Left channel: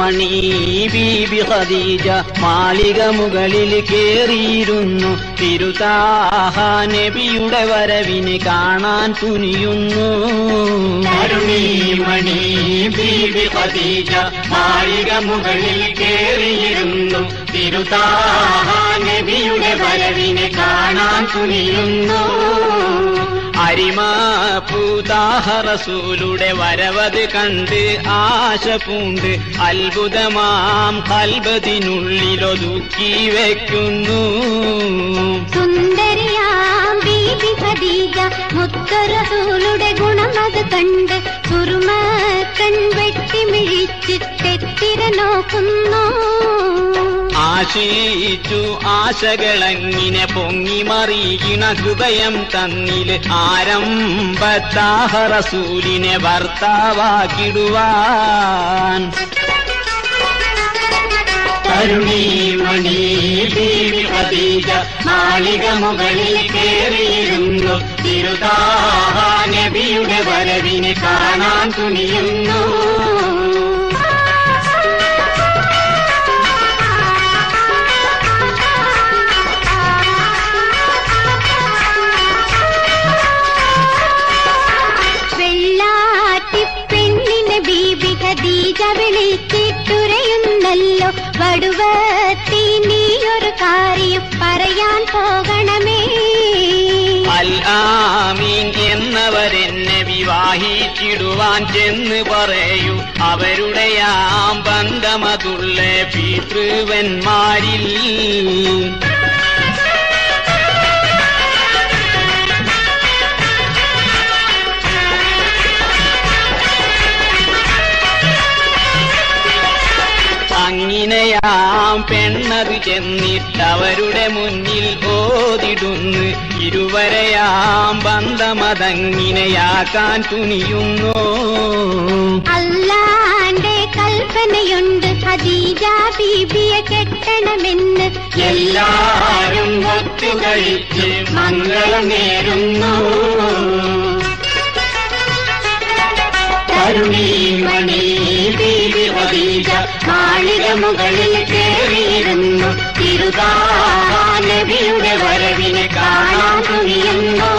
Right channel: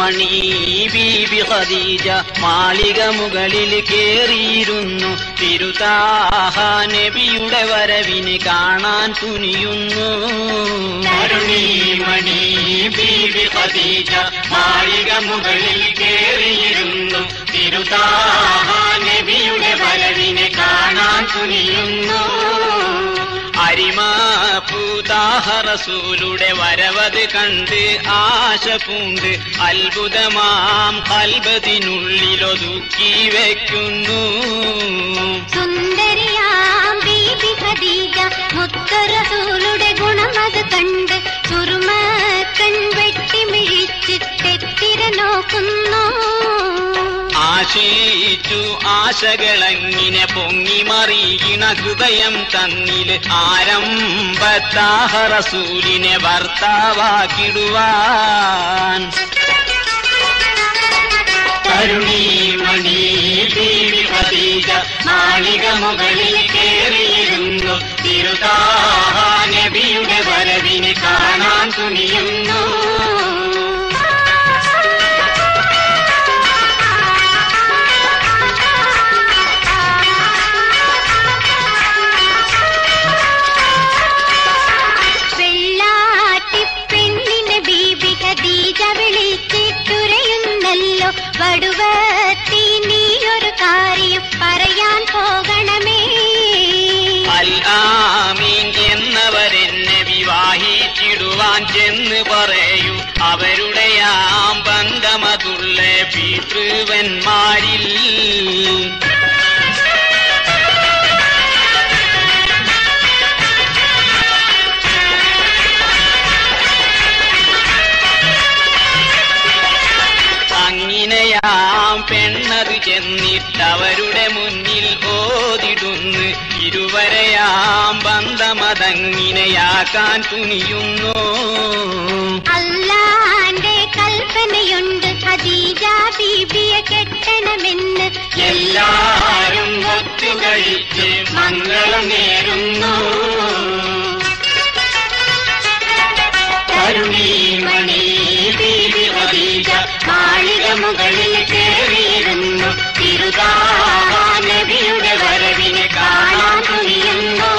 മണി ബീബി ഖദീജ മാളിക മുകളിൽ കേറിയിരുന്നു. തിരുതാഹ നബിയുടെ വരവിനെ കാണാൻ തുനിയുന്നു. മണി ബീബി ഖദീജ മാളിക മുകളിൽ കേറിയിരുന്നു. തിരുതാഹ നബിയുടെ വരവിനെ കാണാൻ തുനിയുന്നു. അരിമാപൂതാഹ റസൂലുടെ വരവത് കണ്ട് ആശ പൂണ്ട് അത്ഭുതമാം കൽബത്തിനുള്ളിലൊതുക്കി വയ്ക്കുന്നു. സുന്ദരിയാം ബീബി ഖദീജ മുത്തറസൂലുടെ ഗുണമത് കണ്ട് സുറുമക്കൺ വെട്ടിമിഴിച്ച് തെറ്റിര നോക്കുന്നു. ആശിച്ചു ആശകളങ്ങിനെ പൊങ്ങി മറിയിണ ഹൃദയം തന്നില് ആരംഭത്താഹ റസൂലിനെ ഭർത്താവാക്കിടുവാൻ. മണി ബീബി ഖദീജ മാളിക മുകളിൽ കേറിയിരുന്നു. തിരുതാഹ നബിയുടെ വരവിനെ കാണാൻ തുനിയുന്നു. ഖദീജ വിളിച്ചിട്ടുരയുന്നല്ലോ വടുവത്തി നീയൊരു കാര്യം പറയാൻ പോകണമേ. അൽ ആമീൻ എന്നവരെന്നെ വിവാഹിച്ചിടുവാൻ ചെന്ന് പറയും. അവരുടെയാം ബന്ധമതുള്ള പിതൃവന്മാരിൽ അങ്ങനെയാം പെണ്ണത് ചെന്നിട്ടവരുടെ മുന്നിൽ ഓതിടുന്നു. ഇരുവരെയാം ബന്ധമതങ്ങിനെയാക്കാൻ തുനിയുന്നു. അല്ലാന്റെ കൽപ്പനയുണ്ട് ഖദീജ ബീബിയെ കെട്ടണമെന്ന്. എല്ലാരും ഒത്തുകഴിച്ച് മംഗളം നേരുന്നു. മണി ബീബി ഖദീജ മാളിക മുകളിൽ കേറിയിരുന്നു. തിരുതാഹ നബിയുടെ വരവിനെ കാണാൻ തുനിയുന്നു.